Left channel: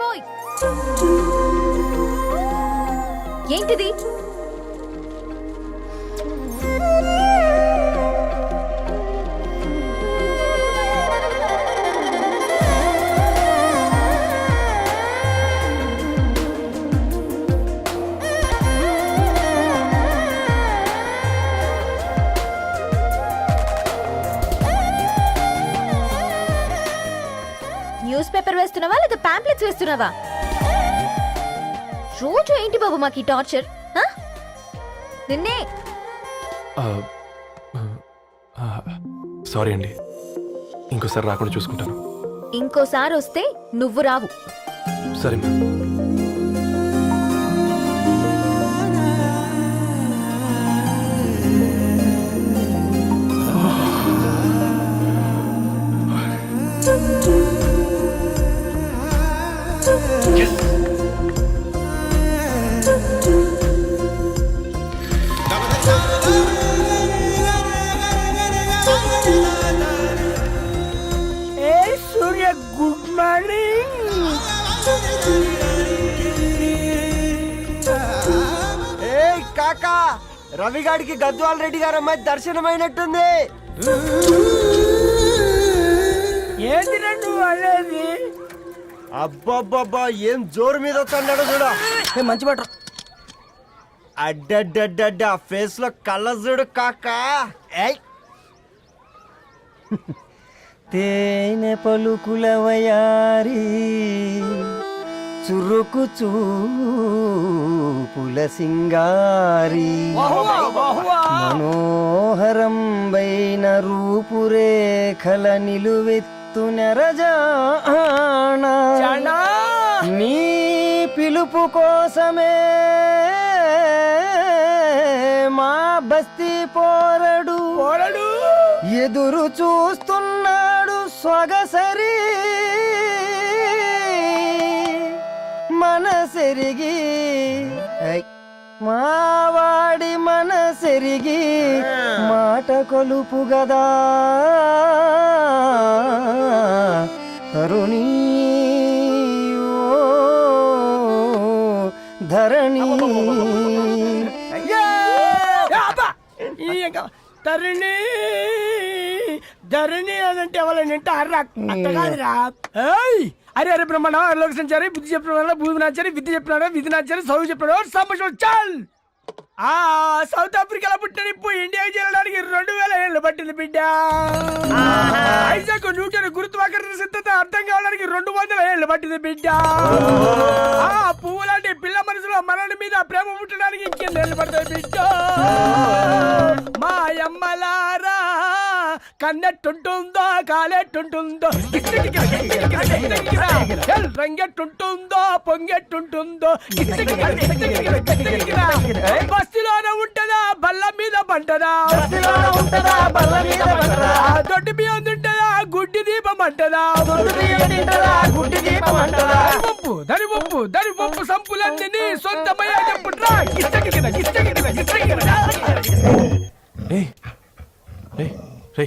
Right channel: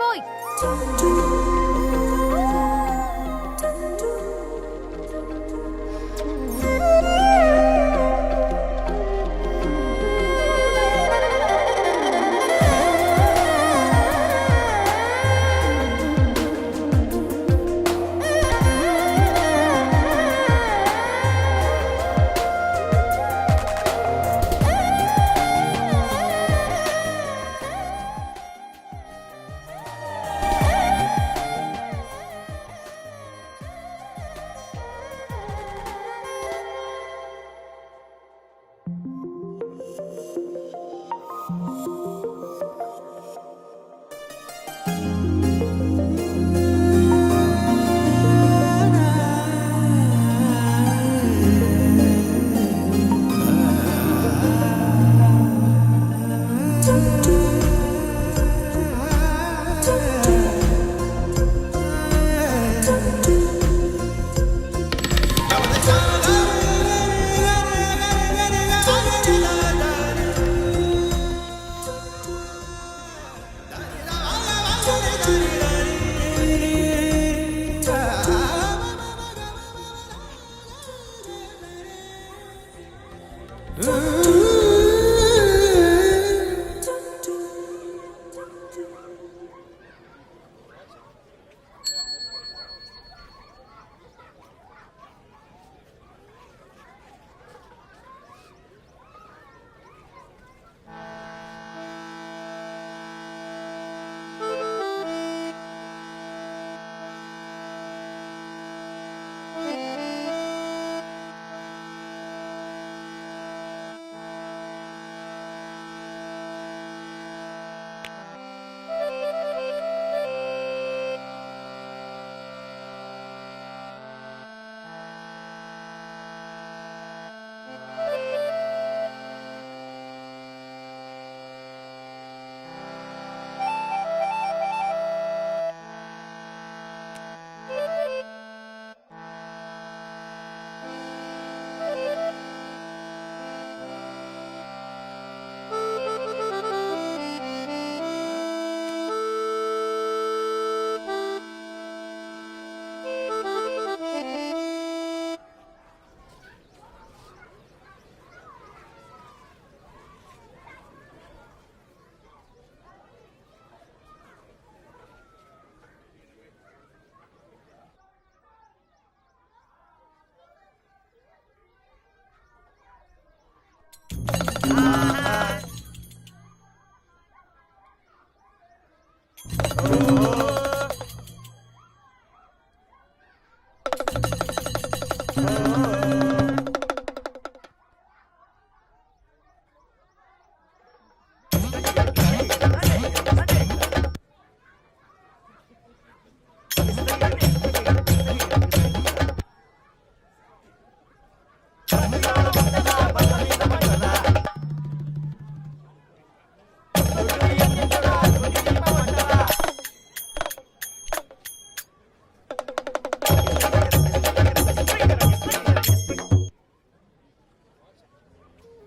Bye. ఏంటిది? Pamphlets వేస్తున్నావా? రోజు ఏంటి బాబు మాకు ఈ టార్చర్ ఆ? నిన్నే సారీ అండి. ఇంకోసారి రాకుండా చూసుకుంటాను. ఇంకోసారి వస్తే నువ్వు రావు. దర్శనమైనట్టుంది. ఏంటి రెండు అనేది అబ్బబ్బబ్బా ఏం జోరు మీద వస్తున్నాడు చూడు. మంచి బట్ట అడ్డడ్డడ్డ ఫేస్లో కళ్ళ చూడు కాకా. ఏయ్. తేనె పలుకుల వయారి చురుకు చూపుల సింగారి మనోహరం వైన రూపురేఖల నిలువెత్తు నెరజాణ నీ పిలుపు కోసమే మా బస్తీ పోరడు. ఎదురు చూస్తున్నాడు సొగసరి మనసెరిగి ఐ, మావాడి మనసెరిగి మాట కొలుపు గదా. తరుణి ధరణి. తరుణి ధరణి అనంటే ఎవరైనా వింటే అర్రా ఏయ్! అరే అరే బ్రహ్మణ లోక బుద్ధి చెప్పిన భూమి నాచారి విద్య చెప్పినాడు విధి నాచారి చదువు చెప్పినాడు సంభాషణ చాల్! ఆ సౌత్ ఆఫ్రికాలో పుట్టిన ఇప్పుడు ఇండియాకి చేరడానికి రెండు వేల ఏళ్ళు పట్టింది బిడ్డ. ఐజాక్ న్యూటన్ గురుత్వాకర్షణ సిద్ధత అర్థం కావడానికి రెండు వందల ఏళ్ళు పట్టింది బిడ్డ. ఆ పువ్వు లాంటి పిల్ల మనసులో మనని మీద ప్రేమ పుట్టడానికి ఇంకేళ్ళు పడుతుంది బిడ్డ. మా అమ్మలారా కన్నెట్టుంటుందో కాలెట్టుంటుందో. రంగెట్టుంటుందో పొంగెట్టుంటుందో. బస్సులోనే ఉంటదా బల్ల మీద పంటదా దొడ్డి బియ్యం తింటదా గుడ్డి దీపం అంటదా? పప్పు దరి ఉప్పు దరి ఉప్పు సంపులన్నీ నీ సొంతమయ్యాకెప్పుడురా రే రే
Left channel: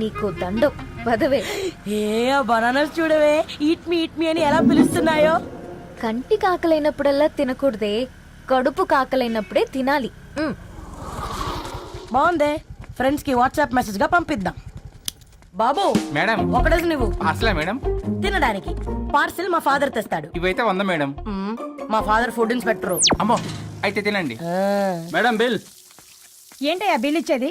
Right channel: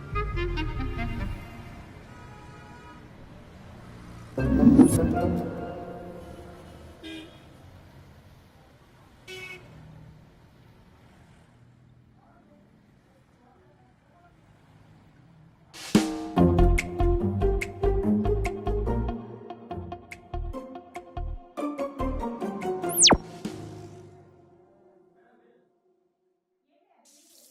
నీకు దండం పదవే ఏ బనానాస్ చూడవే. ఈట్ మీ ఈట్ మీ అని ఎలా పిలుస్తున్నాయో? కంటి కాకలైనప్పుడల్లా తినకూడదే. కడుపు కాకలైనప్పుడే తినాలి. మ్, బాగుందే. ఫ్రెండ్స్కి వాట్సాప్ మెసేజ్గా పంపిద్దాం. బాబు మేడం. ఒకడేసి నువ్వు అసలే మేడం? తినడానికి పార్సిల్ మా ఫాదర్ తెస్తాడు. ఇవైతే వంద మేడం. మ్మ్. మా ఫాదర్ ఫుడ్ ఇన్స్పెక్టర్. అమ్మో అయితే తినండి. Madam bill. ఏంటయ్యా బిల్ ఇచ్చేది?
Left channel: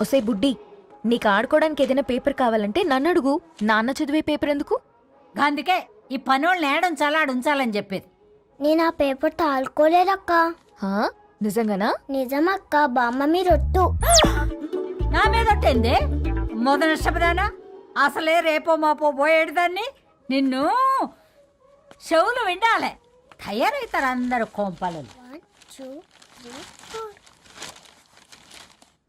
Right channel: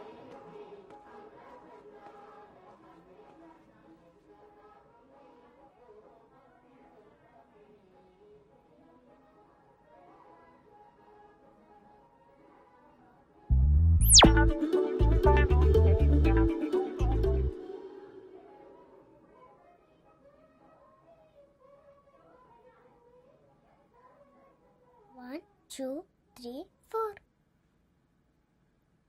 ఒసే బుడ్డి నీకు ఆడుకోవడానికి ఏదైనా పేపర్ కావాలంటే నన్ను అడుగు. నాన్న చదివే పేపర్ ఎందుకు? అందుకే ఈ పనోళ్ళని ఏడుంచాలా ఉంచాలని చెప్పేది. నేను ఆ పేపర్ తాలుకోలేదక్క హా? నిజంగానా? నిజమక్క బామ్మ మీరొట్టు నా మీద ఒట్టేంది? మొదటి నష్టపదానా? అసలే రేపో మాపో పోయేడు దాన్ని? నిన్ను చెవులు వినాలే తయారవుతారు అందరు కోంపాలు. One two three four.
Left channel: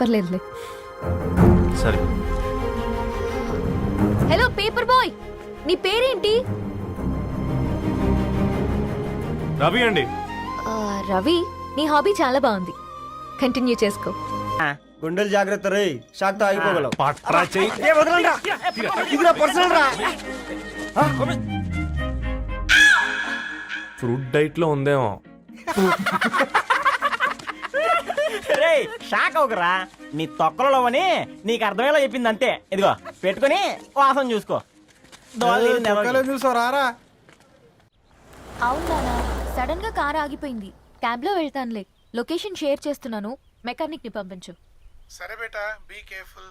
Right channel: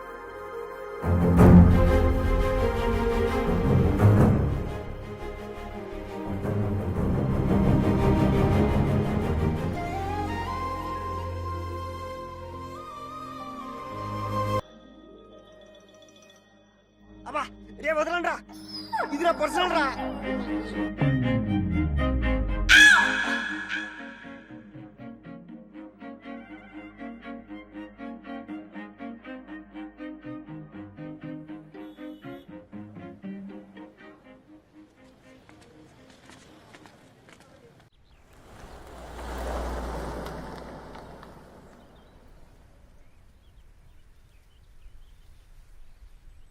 పర్లేదులే. సరే. హలో పేపర్ బాయ్ నీ పేరేంటి? రవి అండి. ఆ, రవి నీ హాబీ చాలా బాగుంది. కంటిన్యూ చేసుకో. గుండెలు జాగ్రత్త రే. షాక్తో ఆగిపోగలవు పట్రా చెయ్యి. ఏ వదలండ్రా. ఇది నా పర్సనల్ రా ఫ్రూట్ డైట్లో ఉందేమో. రే షాక్ అవకరా నీ తొక్కలలో అని నీకు అర్థమయ్యేలా చెప్పింది అంతే ఇదిగో పెట్టుకొని వాసన చూసుకో. రారా. అవునా? సడన్గా కార్ ఆగిపోయింది. క్యాబ్లో వెళ్తానులే. లొకేషన్ షేర్ చేస్తున్నాను. మెకానిక్ని పంపించు. సరే బేటా be careful.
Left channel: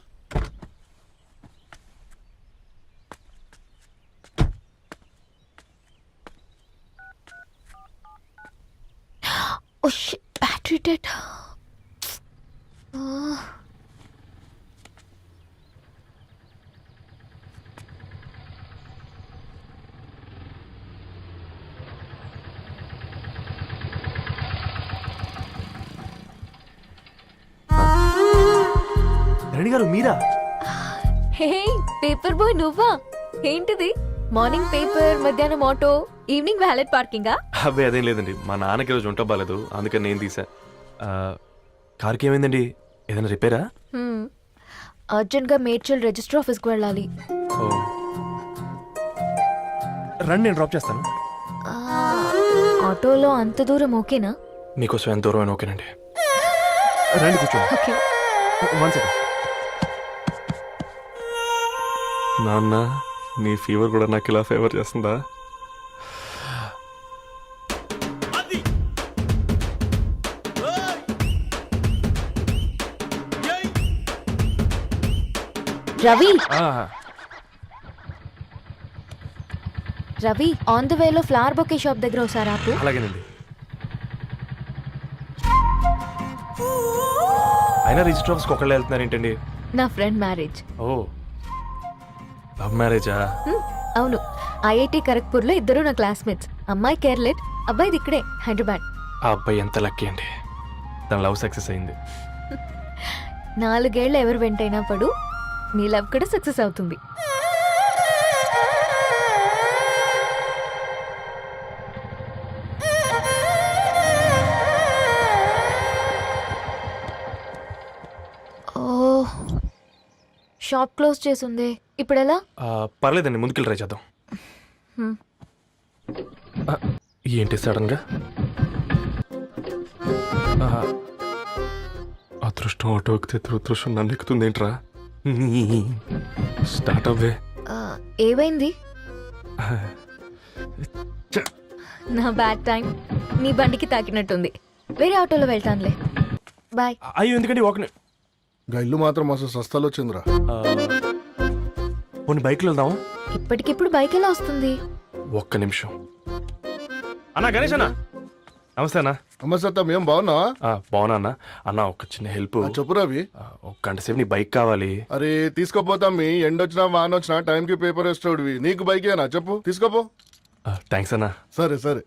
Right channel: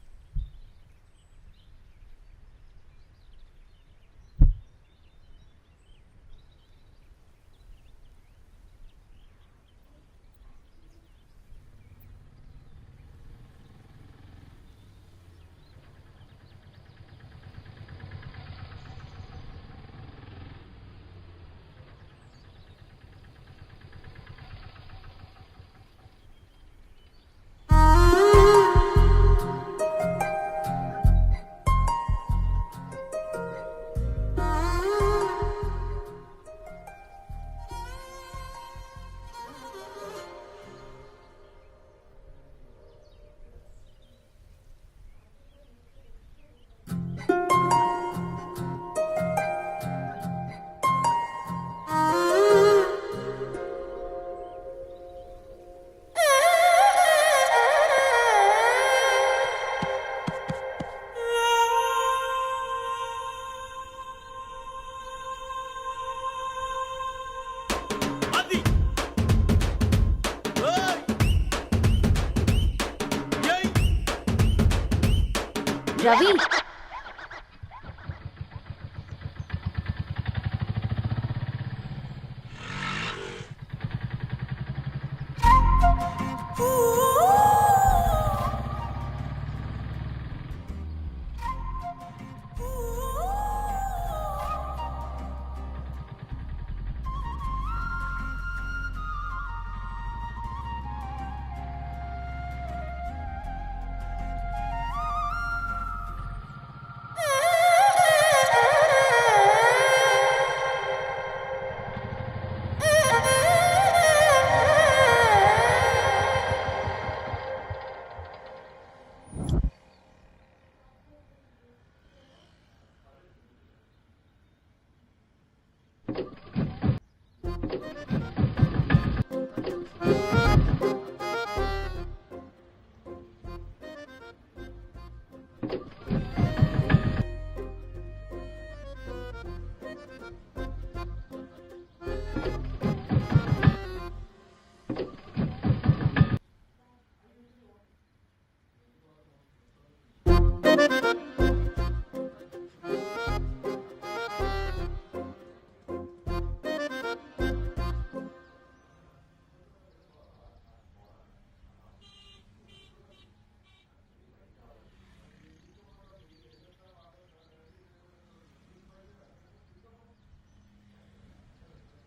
Battery dead. Reddy garu Meera? Hey paper boy నువ్వా? ఏంటిది? మార్నింగ్ పేపర్ మధ్యాహ్నం ఆటో ఈవినింగ్ వ్యాలెట్ పార్కింగా? అబ్బాయి అదేం లేదండి. మా నాన్నకి రోజు ఉంట బాగాలేదు అందుకని నేను తీసా. కార్కి ఏమైందండి ఏదైనా రిపేరా? అర్జెంట్గా మేడ్చల్ రిజిస్టర్ ఆఫీస్కు వెళ్ళాలి. రండి నేను డ్రాప్ చేస్తాను. ఆటోలో అంత దూరం ఓకేనా? మీకోసం ఎంత దూరం అయినా ఓకేనండి. రండి కూర్చోండి. One second. నాన్న నీ ఫీవర్ కూడా నాకు ఇలా ఫేవర్ చేస్తుందా? రవి. రవి ఆన్ ద వేలో ఫ్లవర్ బొకే షాప్ దగ్గర ఒకసారి ఆపు? అలాగేనండి అయినా రిజిస్టర్ ఆఫీస్కి ఒకళ్ళు వెళ్తున్నారు ఏంటండి? నా ఫ్రెండ్ మ్యారేజ్ ఓ. లవ్ మ్యారేజా అవును. ఐఐటి ఖరగ్పూర్లో ఇద్దరు నా క్లాస్మేట్స్ అమ్మాయి కేర్లెట్ అబ్బాయిది ఇక్కడే హైదరాబాద్. ఆ అబ్బాయి ఎంత లక్కీ అండి. తన లవ్ సక్సెస్ అయింది. నాలుగేళ్ళు ఎవరు వెంటైనా పడు నీ లవ్ కూడా సక్సెస్ అవుతుంది. ఓ షాప్ క్లోజ్ చేసింది. ఇప్పుడు ఎలా ఆ, పర్లేదండి ముందుకెళ్ళి ట్రై చేద్దాం. ఏంటి సడన్గా? ఆ, అదృష్టం ఆటో ఎక్కితే దురదృష్టం నన్ను ఎక్కుతుంది ఏంట్రా స్టార్ట్ అవ్వే ఏమైంది? నా బ్యాడ్ టైం. నీ బండికి తాకినట్టుంది. వేరే ఆటోలో వెళ్తానులే. బాయ్. అయ్యో ఎందుకండి ఒక ని- గా ఇల్లు మాత్రం అసలు సస్తాలో వచ్చిందిరా. ఆ, పోనీ బైక్లో వెళ్దాం ఇప్పటికిప్పుడు బైక్ ఎలా వస్తుంది? ఒక్క నిమిషం. అన్నా గణేష్ అన్న. నమస్తే అన్న. అమ్మ సత్తం ఏం బాగున్నావా? ఆ, బాగున్నా అన్న. అన్న ఒక చిన్న హెల్ప్. ఆ, చెప్పు రవి. ఒక గంట సేపు నీ బైక్ కావాలి. అరే తీసుకోపోతాం మీ ఎండొచ్చినా వాన వచ్చినా టైంకి పేపర్ వేస్తాడువి నీకు బైకేనా? చెప్పు తీసుకోపో. థ్యాంక్స్ అన్న. సరే సరే.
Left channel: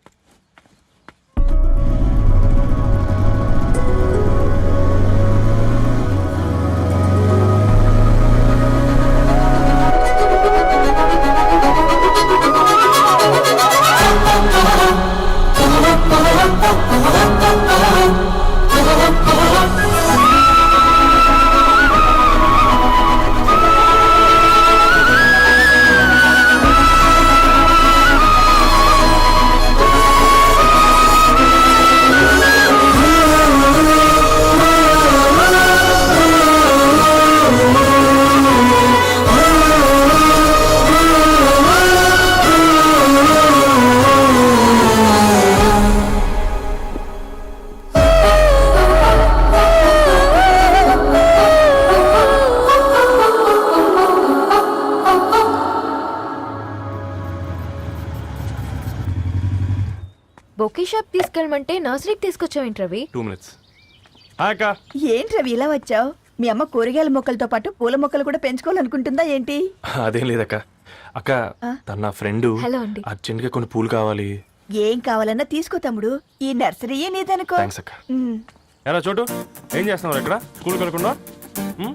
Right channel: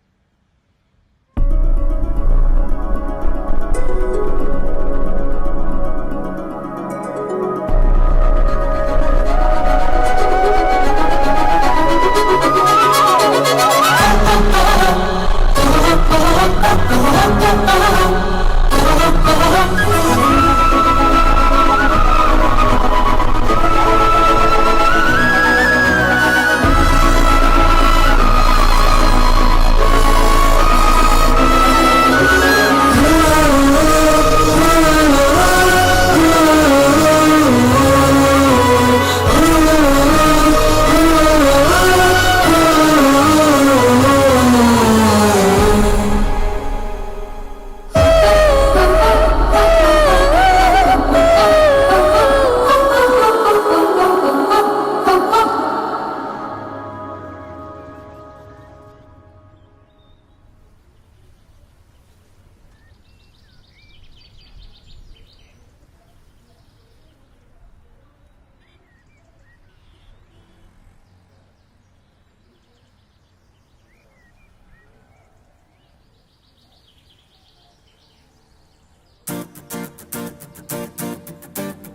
రమ్మంటే నర్సరీకి తీసుకొచ్చావేంటి రవి? టూ మినిట్స్ అక్క. ఏంటి రవి ఇలా వచ్చావు? మీ అమ్మ కూరగాయల మొక్కలతో పాటు పూల మొక్కలు కూడా పెంచుకోవాలనుకుంటుందా ఏంటి? అదేం లేదక్క. అక్క తన నా ఫ్రెండ్. హలో అండి. అర్జెంట్గా కొన్ని పూలు కావాలి. ఏం కావాలన్నా తీసుకో తమ్ముడు. ఈ నర్సరీయే నీదనుకో. థ్యాంక్స్ అక్క. ఎలా చోటు? ఏం చేస్తున్నావు ఇక్కడ? స్కూల్ కనుక్కున్నా మీ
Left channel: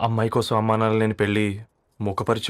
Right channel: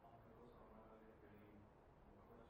అమ్మాయి కోసం అమ్మానాలు నేను లేని పెళ్ళి ముఖపరిచి